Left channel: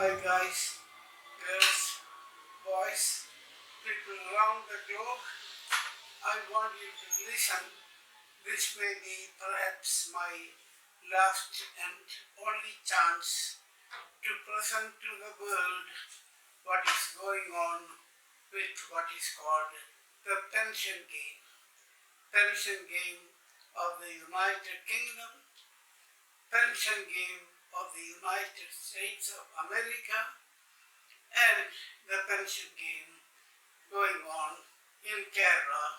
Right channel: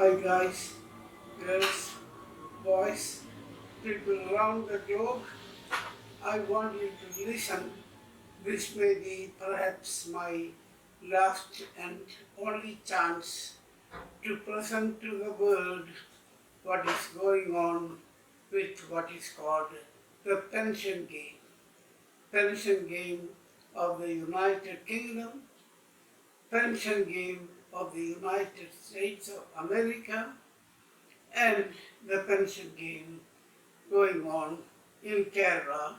Hi guys, girls, boys, people around the globe. I want you to listen. This may be perhaps my last and only chance to present to the world what is going on with what is called the pension game. Pension game of the United Kingdom, pension game of the United States of America, and the pension game going on in Kerala.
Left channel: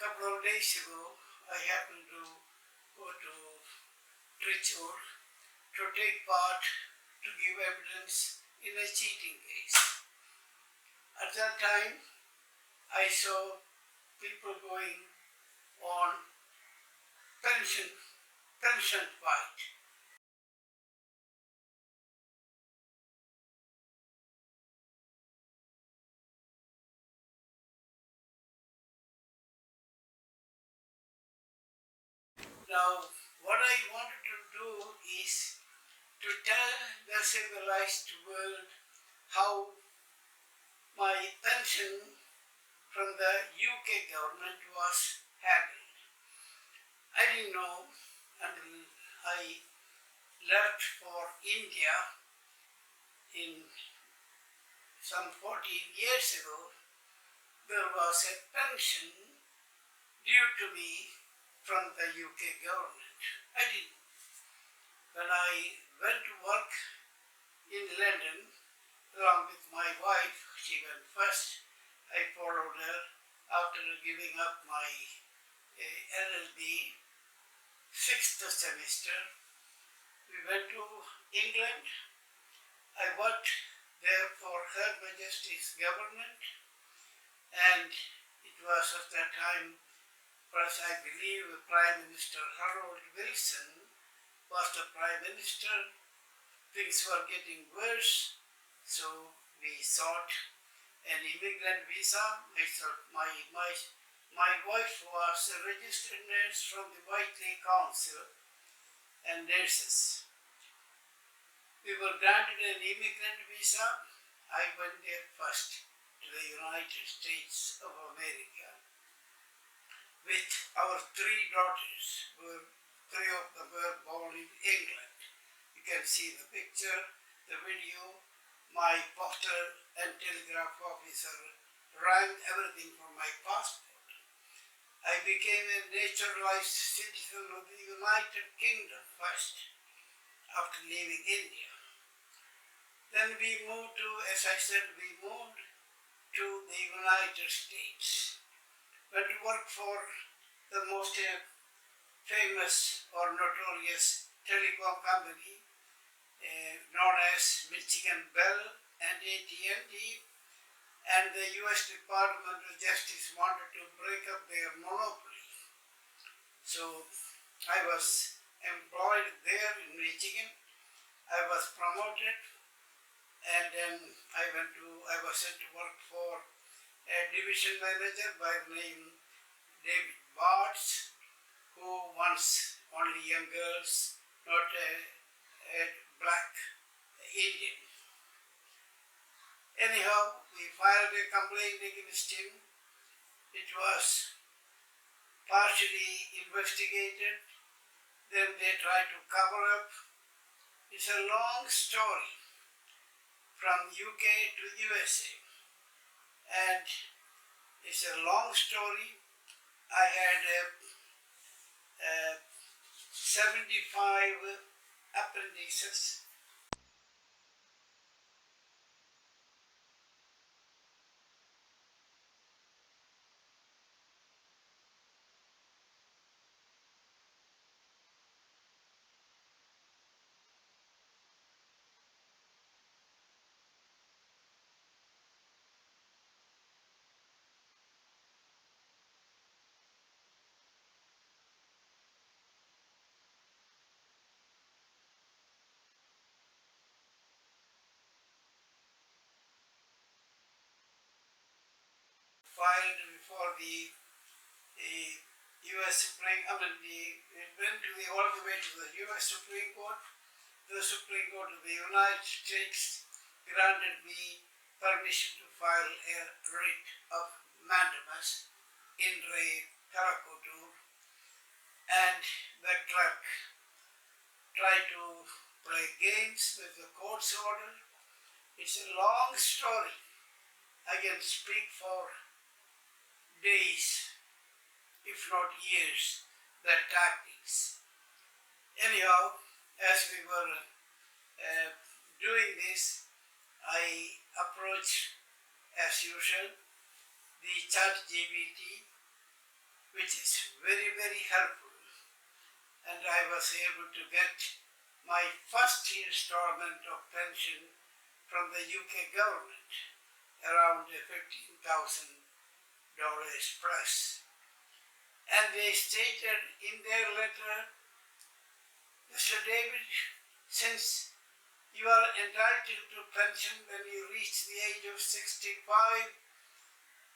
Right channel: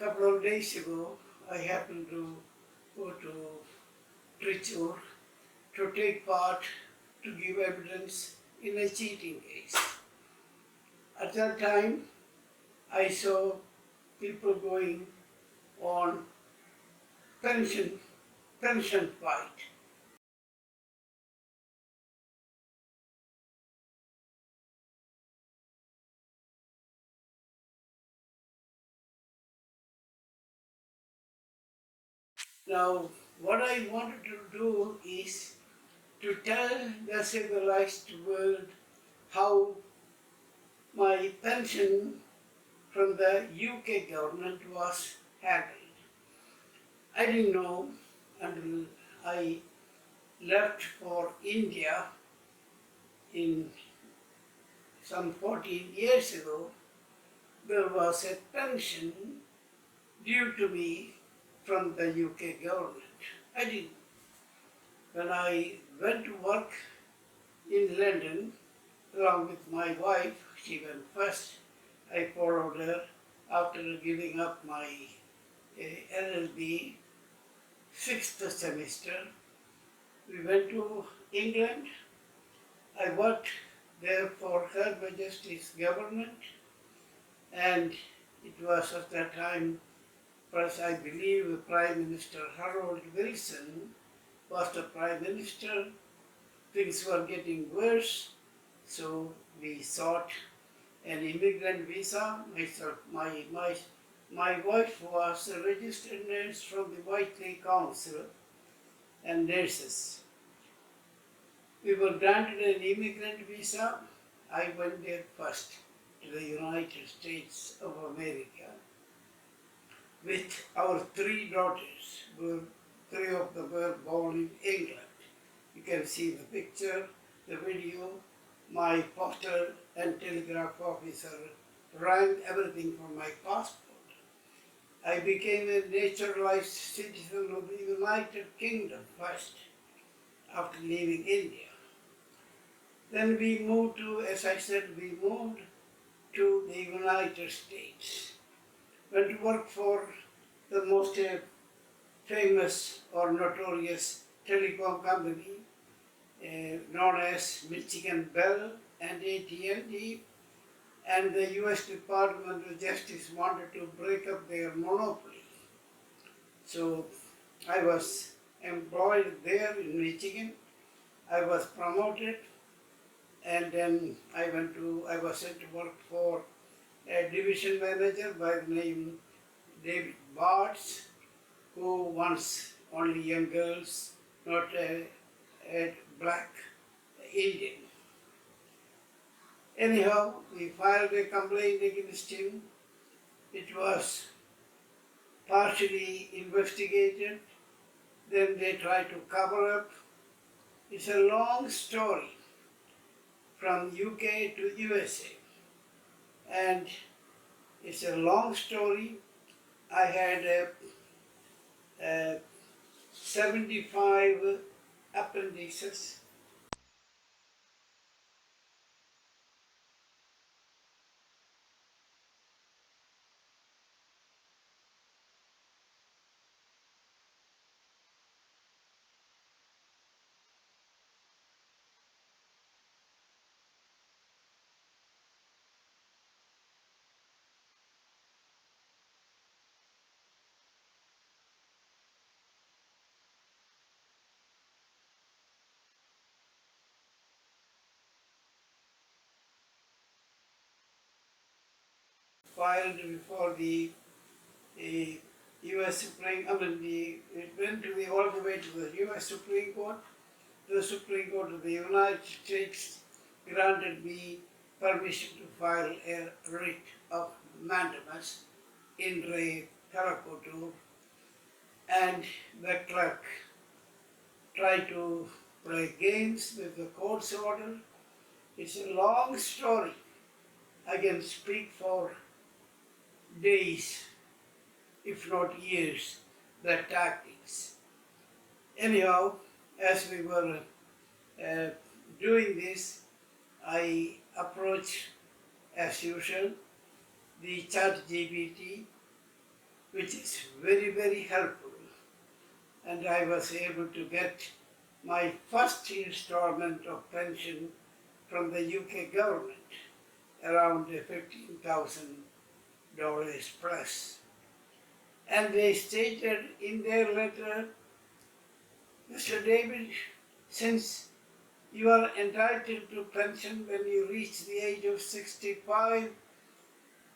A couple of days ago, I happened to go to Trichur to take part to give evidence in a cheating case. At that time, I saw people going on pension fight. Now, what I wanted to do is to tell the civilized world how my pension from the UK government was handled. I didn't know until I left for India in some 14 years ago. There was a pension due to me from the UK government. I didn't. When I went to work in London along with my wife, she went first. I followed her after giving up my LLB sixth semester. We went to England. I worked there for Her Majesty's government, and it was at that time, plus I believe Prime Minister Harold Wilson was the Prime Minister. Things were getting worse, so we sought an immigrant visa. My wife was a registered nurse from the Whiteley Council and nurses. We were granted an immigrant visa. I went there first to the United States of America with our three daughters. Three of them were born in England. You can see the picture, the video. My postal and telegraph officer ran everything for my passport. I became a naturalized citizen of the United Kingdom first, after leaving India. Then we moved to, as I said, we moved to the United States. Went to work for the most famous or notorious telecom company known as Michigan Bell and AT&T, and the US Department of Justice wanted to break up their monopoly. So I was employed there in Michigan. I was promoted, and then I was sent to work for a division manager by the name David Bartz, who wants only young girls, not a black Indian. Anyhow, we filed a complaint against him. It was partially investigated, then they tried to cover up. It's a long story from UK to USA, and it's a long story. I had 75 apprentices. Filed before the U.S. Supreme. It went all the way to the U.S. Supreme Court, the Supreme Court of the United States, granted me permission to file a writ of mandamus in re Karakotur, and the clerk tried to play games with the court's order. It's a long story. I can speak for days, if not years, the tactics. Anyhow, as we were doing this, I approached, as usual, the ChatGPT, which is very, very helpful. And I was able to get my first installment of pension from the UK government, around $15,000 plus. And they stated in their letter, Mr. David, since you are entitled to pension when you reach the age of 65,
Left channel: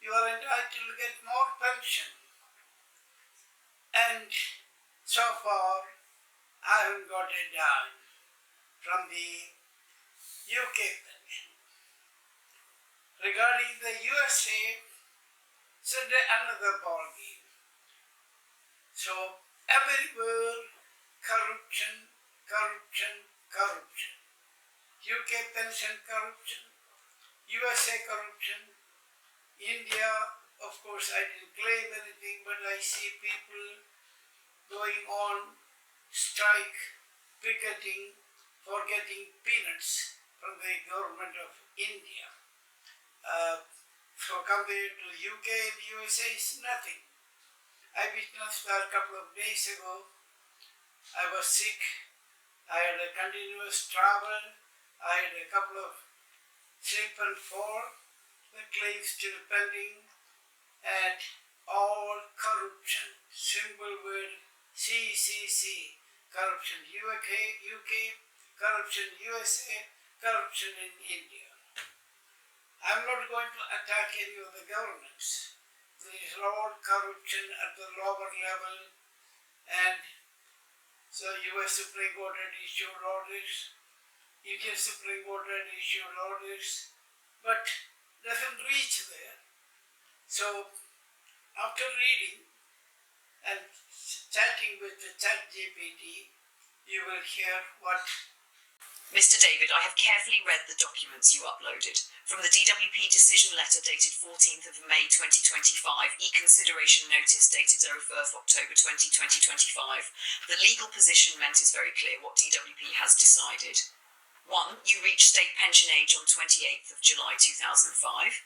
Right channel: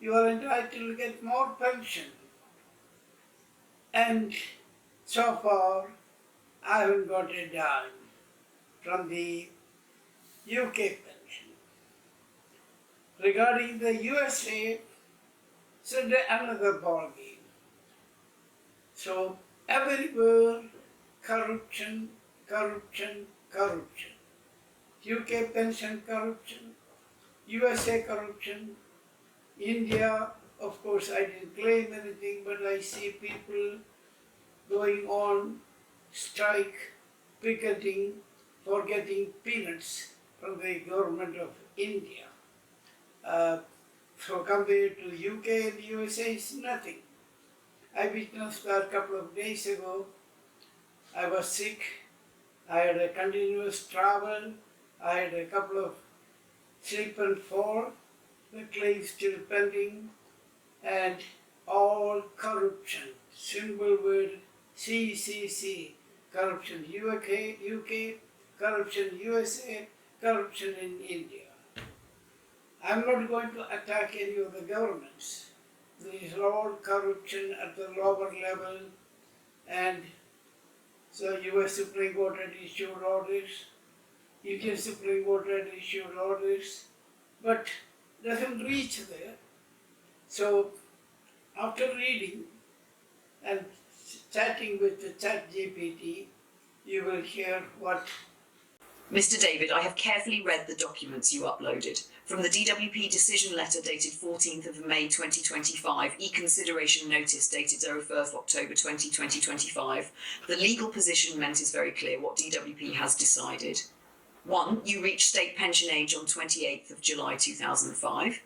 you are entitled to get more pension. And so far, I haven't got a dime from the UK pension. Regarding the USA, it's another ballgame. So everywhere, corruption, corruption, corruption. UK pension corruption, USA corruption, India, of course I didn't claim anything, but I see people going on strike, picketing for getting peanuts from the government of India. So compared to UK and USA, it's nothing. I witnessed that a couple of days ago. I was sick, I had a continuous travel, I had a couple of slip and fall, the claim still pending, and all corruption, symbol word CCC, corruption UK, corruption USA, corruption in India. I'm not going to attack any of the governments. There is all corruption at the lower level, and so US Supreme Court had issued orders, Indian Supreme Court had issued orders, but doesn't reach there. So after reading and chatting with the ChatGPT, you will hear what... Mr. David, I have carefully read the documents you uploaded. From the DWP decision letter dated 14th of May 2025, e-consideration notice dated 01st October 2025, the legal positionment is very clear what DWP has decided. 1. You reached state pension age on 28th of July 2005.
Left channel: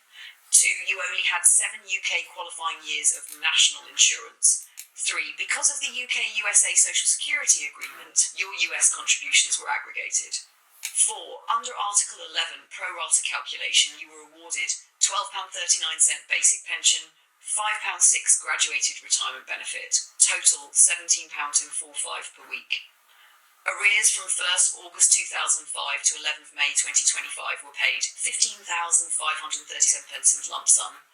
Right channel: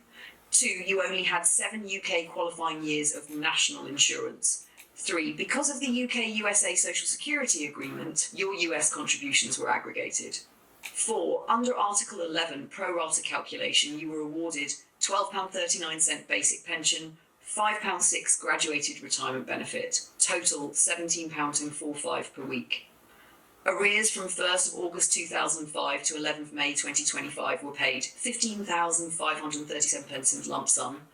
2. You only had 7 UK qualifying years of national insurance. 3. Because of the UK-USA Social Security Agreement, your US contributions were aggregated. 4. Under Article 11 pro rata calculation, you were awarded £12.39 basic pension, £5.06 graduated retirement benefit, total £17.45 per week. Arrears from 1st of August 2005 to 11th May 2025 were paid £15,537 in lump sum.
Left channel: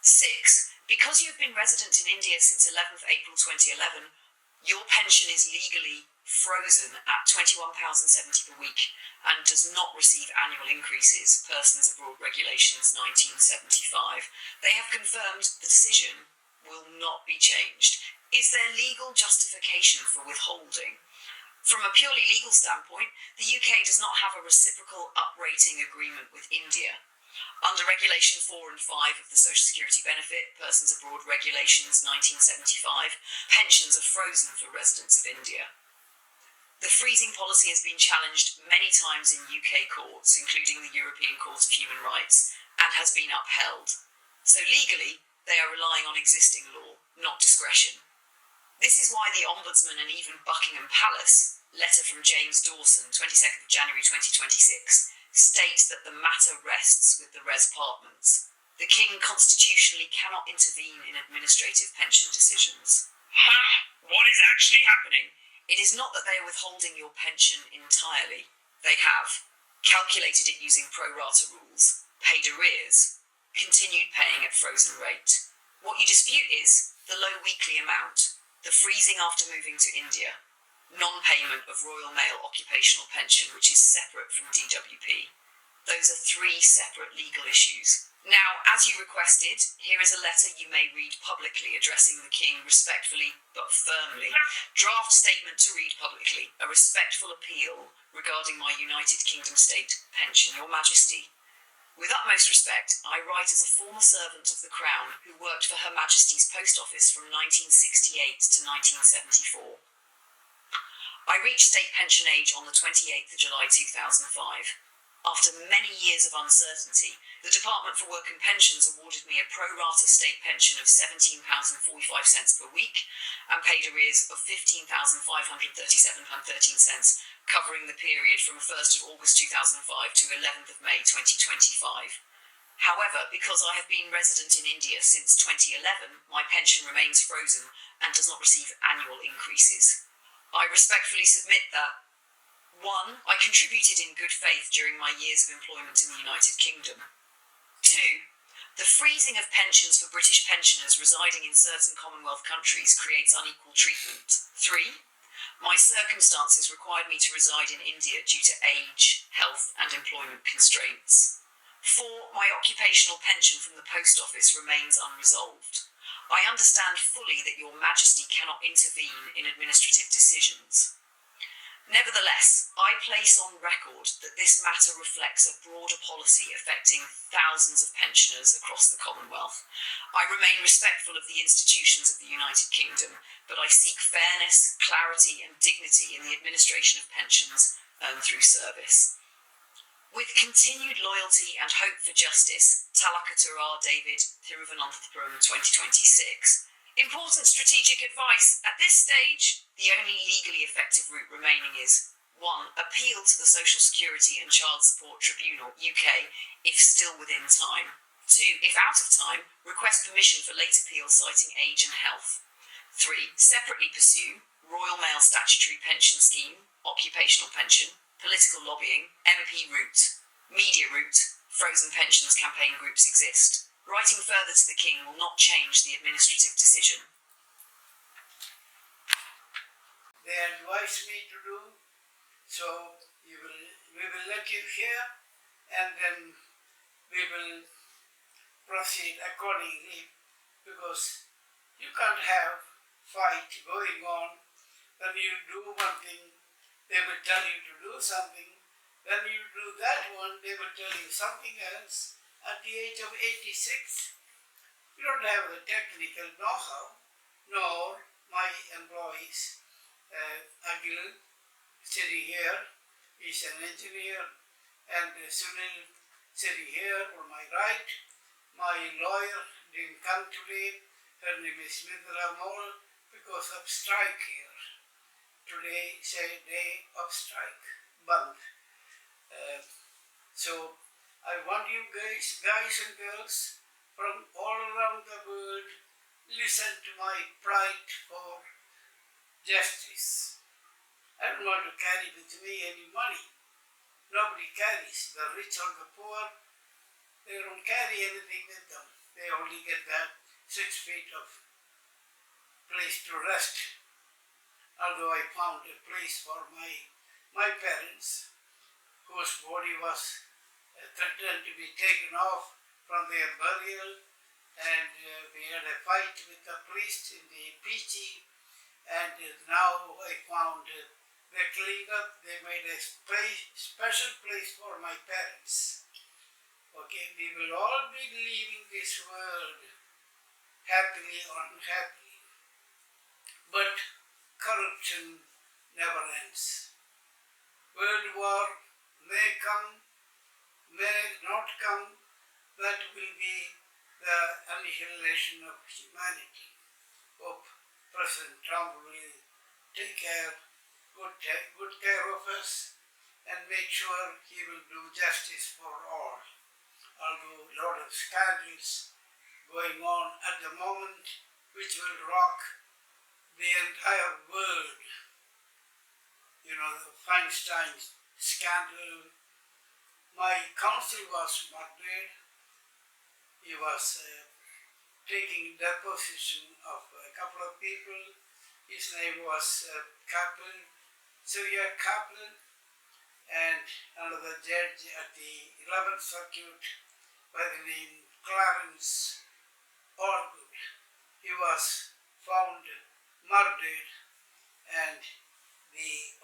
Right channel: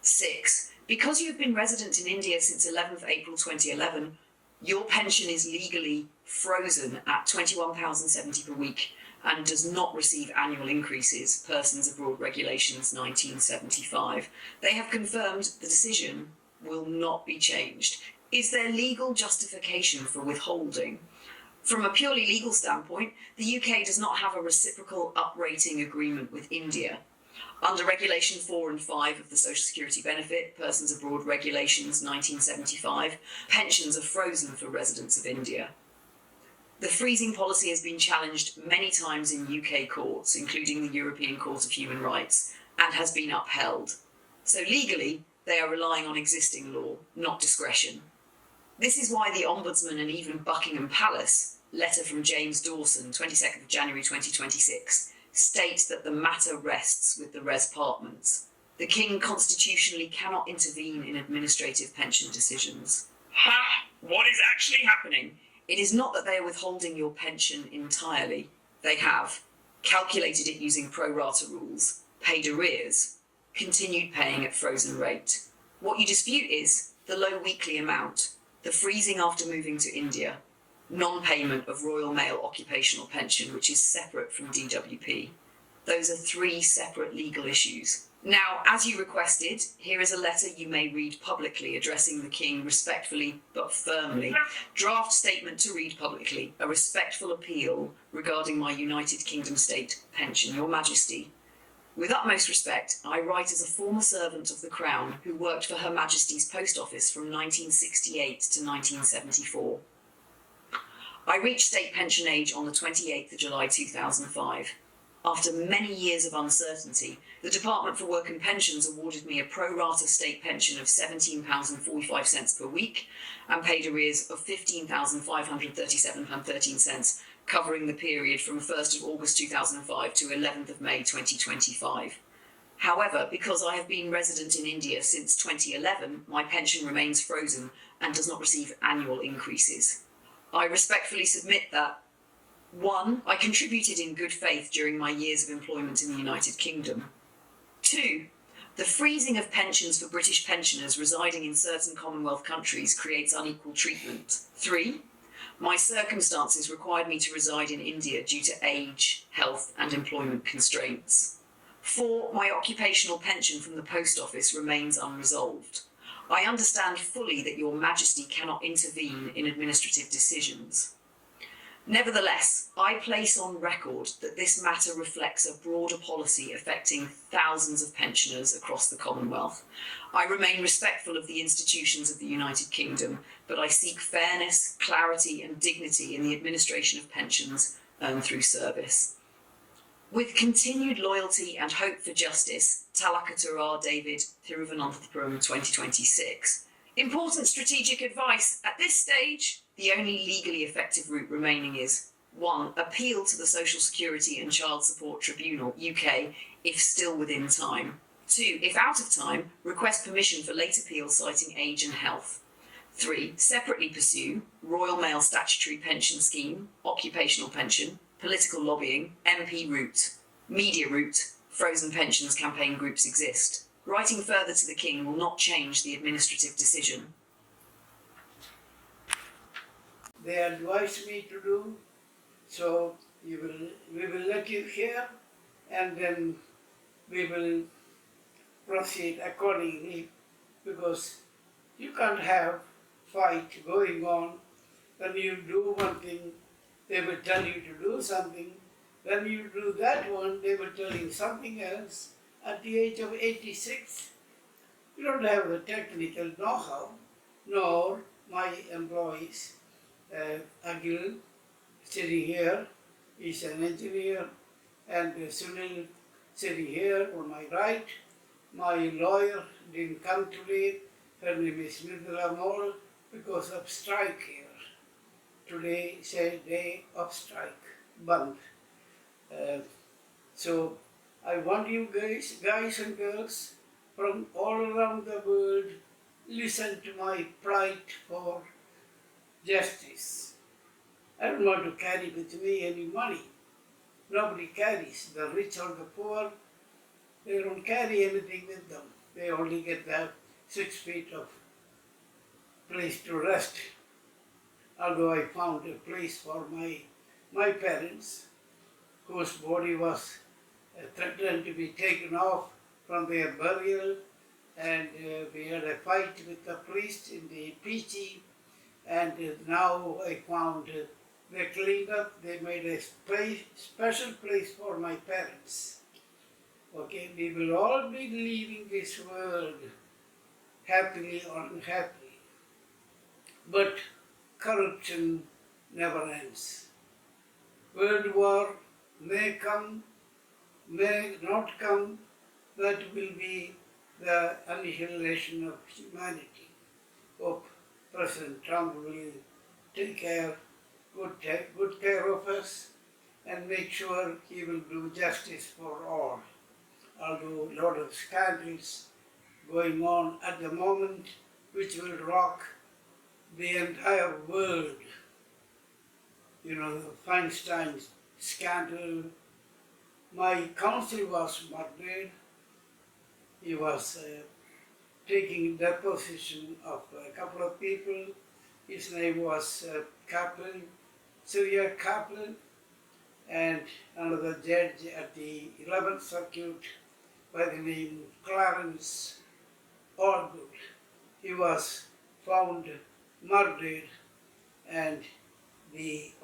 6. Because you've been resident in India since 11th April 2011, your pension is legally frozen at £21.70 per week and does not receive annual increases, Persons Abroad Regulations 1975. They have confirmed the decision will not be changed. Is there legal justification for withholding? From a purely legal standpoint, the UK does not have a reciprocal uprating agreement with India. Under Regulation 4 and 5 of the Social Security Benefit, Persons Abroad Regulations 1975, pensions are frozen for residents of India. The freezing policy has been challenged many times in UK courts, including the European Court of Human Rights, and has been upheld. So legally, they are relying on existing law, not discretion. This is why the Ombudsman and even Buckingham Palace, letter from James Dawson, 22nd of January 2026, states that the matter rests with the res partments. The King constitutionally cannot intervene in administrative pension decisions. Ha! What is actually happening? It is not that they are withholding your pension entirely. They have calculated it using pro rata rules, paid arrears, continued paying at frozen rate. What you dispute is the low weekly amount, the freezing after moving to India, non-payment of Royal Mail occupational pension, which is separate from DWP, Those are three separate legal issues. Now, as you requested, here is a letter you may read publicly addressing the King respectfully but firmly. Draft statement to read publicly, a respectful appeal regarding my United Kingdom state pension. Your Majesty, with utmost respect, I write as a former servant of the Crown who worked for Her Majesty's Post Office from 1968 to 1974. I reached state pension age on the 28th of July 2005. After many years of uncertainty, the Department for Work and Pensions awarded me a pro rata state pension of £17.45 per week and paid arrears of £15,537.13, covering the period from 1st of August 2005 to 11th of May 2025. However, because I have been resident in India since 2011, my pension remains frozen and does not receive annual increases. I respectfully submit that 1. I contributed in good faith during my years of employment in the United Kingdom. 2. The freezing of pensions for British pensioners residing in certain Commonwealth countries creates unequal treatment. 3. My circumstances required me to reside in India due to age, health and employment constraints. 4. My occupational pension from the Post Office remains unresolved. I understand fully that Your Majesty cannot intervene in administrative decisions. Nevertheless, I place on record that this matter reflects a broader policy affecting thousands of pensioners across the Commonwealth. I remain respectful of the institutions of the United Kingdom, but I seek fairness, clarity and dignity in the administration of pensions earned through service. With continued loyalty and hope for justice, Talakatura David, Thiruvananthapuram 2026. Important strategic advice. At this stage, the only legally effective route remaining is 1. Appeal to the Social Security and Child Support Tribunal, UK, if still within time. 2. If out of time, request permission for late appeal citing age and health. 3. Separately pursue Royal Mail Statutory Pension Scheme, Occupational Pension, Political Lobbying, MP route, Media route, Frozen Pensions campaign groups exist. Writing further to the King will not change the administrative decision. They advised me to do, so we will let you hear and then we will proceed accordingly, because you can't have fight going on. When you do one thing, they will tell you to do something. When you do that one, they will tell you something else. At the age of 86, you don't have the technical know-how, nor my employees. Agil, sitting here, is an engineer, and Sunil, sitting here on my right. My lawyer didn't come today. Her name is Midra Mol, because of strike here. Today is a day of strike, Band. So I want you guys and girls from all around the world, listen to my plight for justice. I don't want to carry with me any money. Nobody carries. The rich or the poor, they don't carry anything with them. They only get that 6 feet of place to rest. Although I found a place for my parents, whose body was threatened to be taken off from their burial, and we had a fight with the priest in the Pichi, and now I found they cleaned up, they made a special place for my parents. Okay, we will all be leaving this world happily or unhappily, but corruption never ends. World war may come, may not come, that will be the annihilation of humanity. Hope President Trump will take good care of us and make sure he will do justice for all. Although a lot of scandals going on at the moment which will rock the entire world. You know, the Feinstein scandal. My counsel was murdered. He was taking deposition of a couple of people. His name was Kaplan, Surya Kaplan, and another judge at the 11th Circuit by the name Clarence Allgood. He was found murdered, and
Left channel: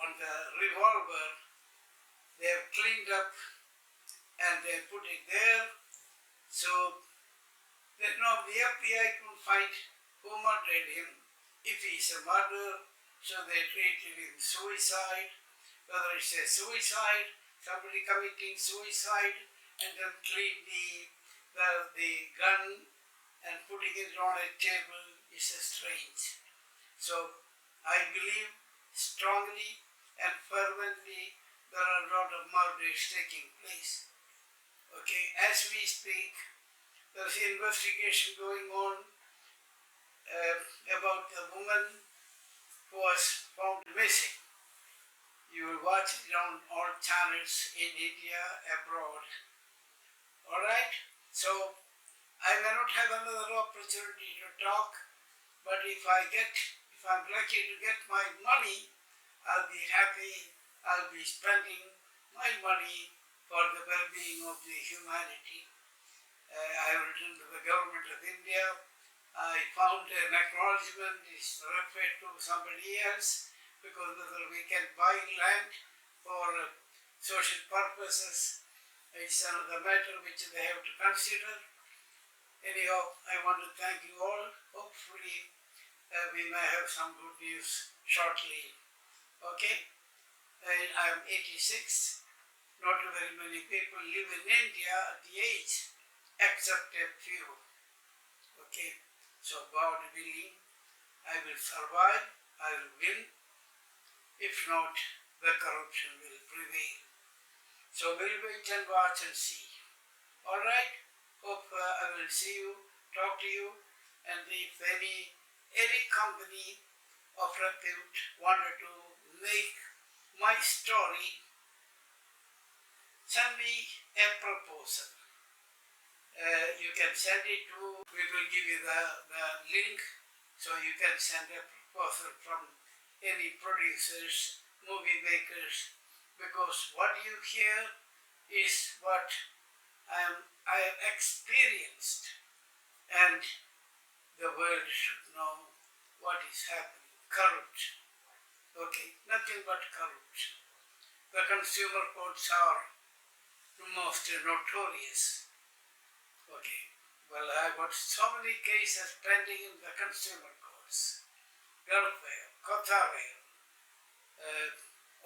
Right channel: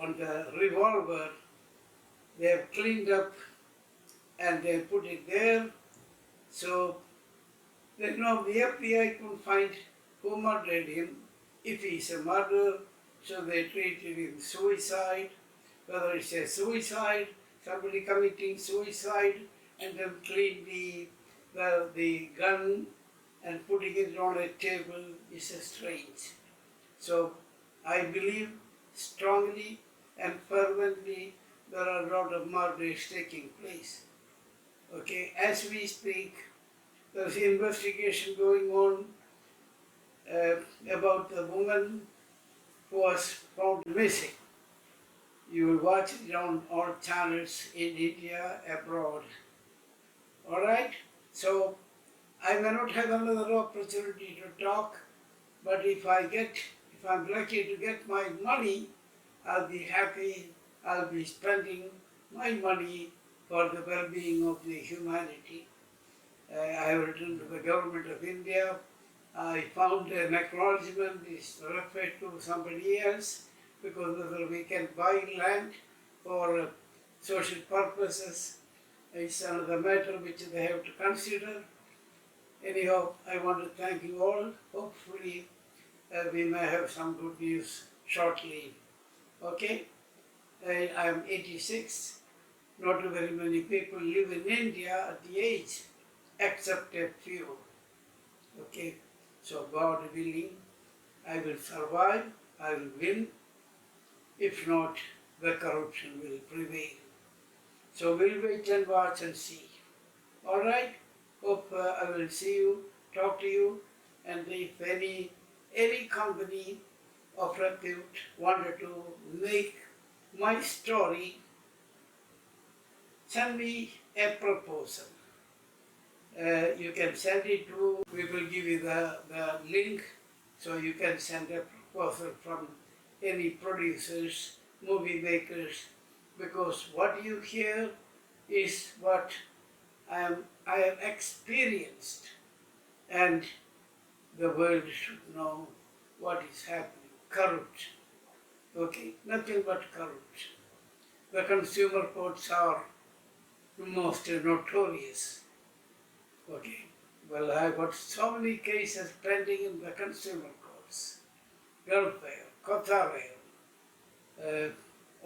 on the revolver they have cleaned up and they put it there. So the FBI couldn't find who murdered him. If he's a murderer, so they treated him suicide. Whether it's a suicide, somebody committing suicide and then clean the gun and putting it on a table is strange. So I believe strongly and fervently there are a lot of murders taking place. Okay, as we speak, there's an investigation going on about the woman who was found missing. You will watch it on all channels in India, abroad. Alright? So, I may not have another opportunity to talk, but if I'm lucky to get my money, I'll be happy. I'll be spending my money for the well-being of the humanity. I have written to the government of India. I found an acknowledgement is referred to somebody else, because whether we can buy land for social purposes is another matter which they have to consider. Anyhow, I want to thank you all. Hopefully, we may have some good news shortly. Okay? And I am 86. Not very many people live in India at the age, except a few. Okay? So, God willing, I will survive, I will win. If not, the corruption will prevail. So we'll wait and watch and see. Alright? Hope I will see you, talk to you, and if any company of repute wanted to make my story, send me a proposal. You can send it to, we will give you the link, so you can send a proposal from any producers, movie makers, because what you hear is what I have experienced, and the world should know what is happening. Corruption. Okay, nothing but corruption. The consumer courts are the most notorious. Okay, well, I've got so many cases pending in the consumer courts. Gulf Air, Qatar Air,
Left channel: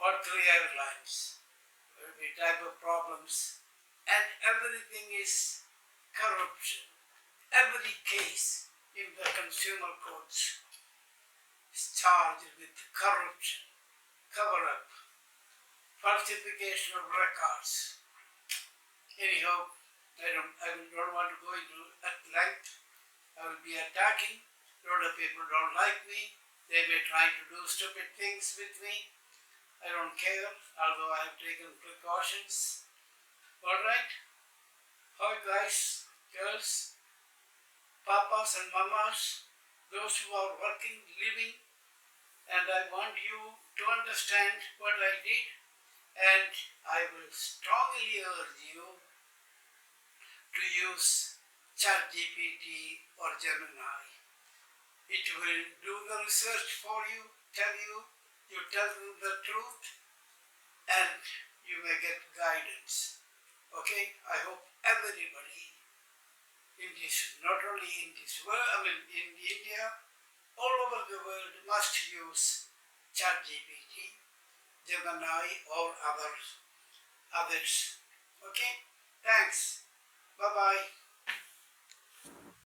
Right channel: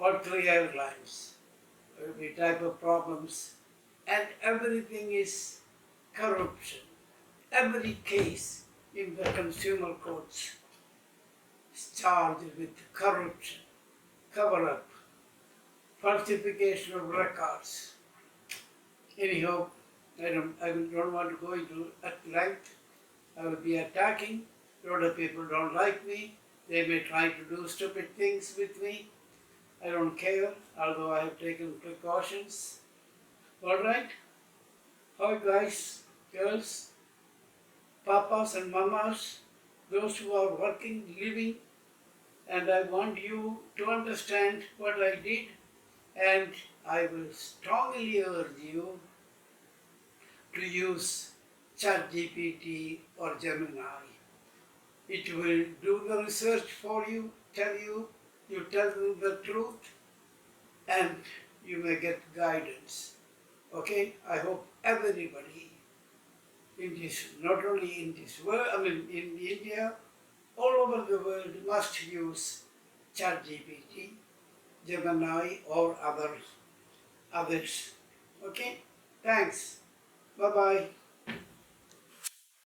all three airlines, every type of problems, and everything is corruption. Every case in the consumer courts is charged with corruption, cover-up, falsification of records. Anyhow, I don't want to go into at length. I will be attacking. A lot of people don't like me. They may try to do stupid things with me. I don't care, although I have taken precautions. Alright? Hi guys, girls, papas and mamas, those who are working, living, and I want you to understand what I did, and I will strongly urge you to use ChatGPT or Gemini. It will do the research for you, you tell them the truth, and you may get guidance. Okay? I hope everybody in this, not only in this world, in India, all over the world must use ChatGPT, Gemini or others. Okay? Thanks. Bye-bye.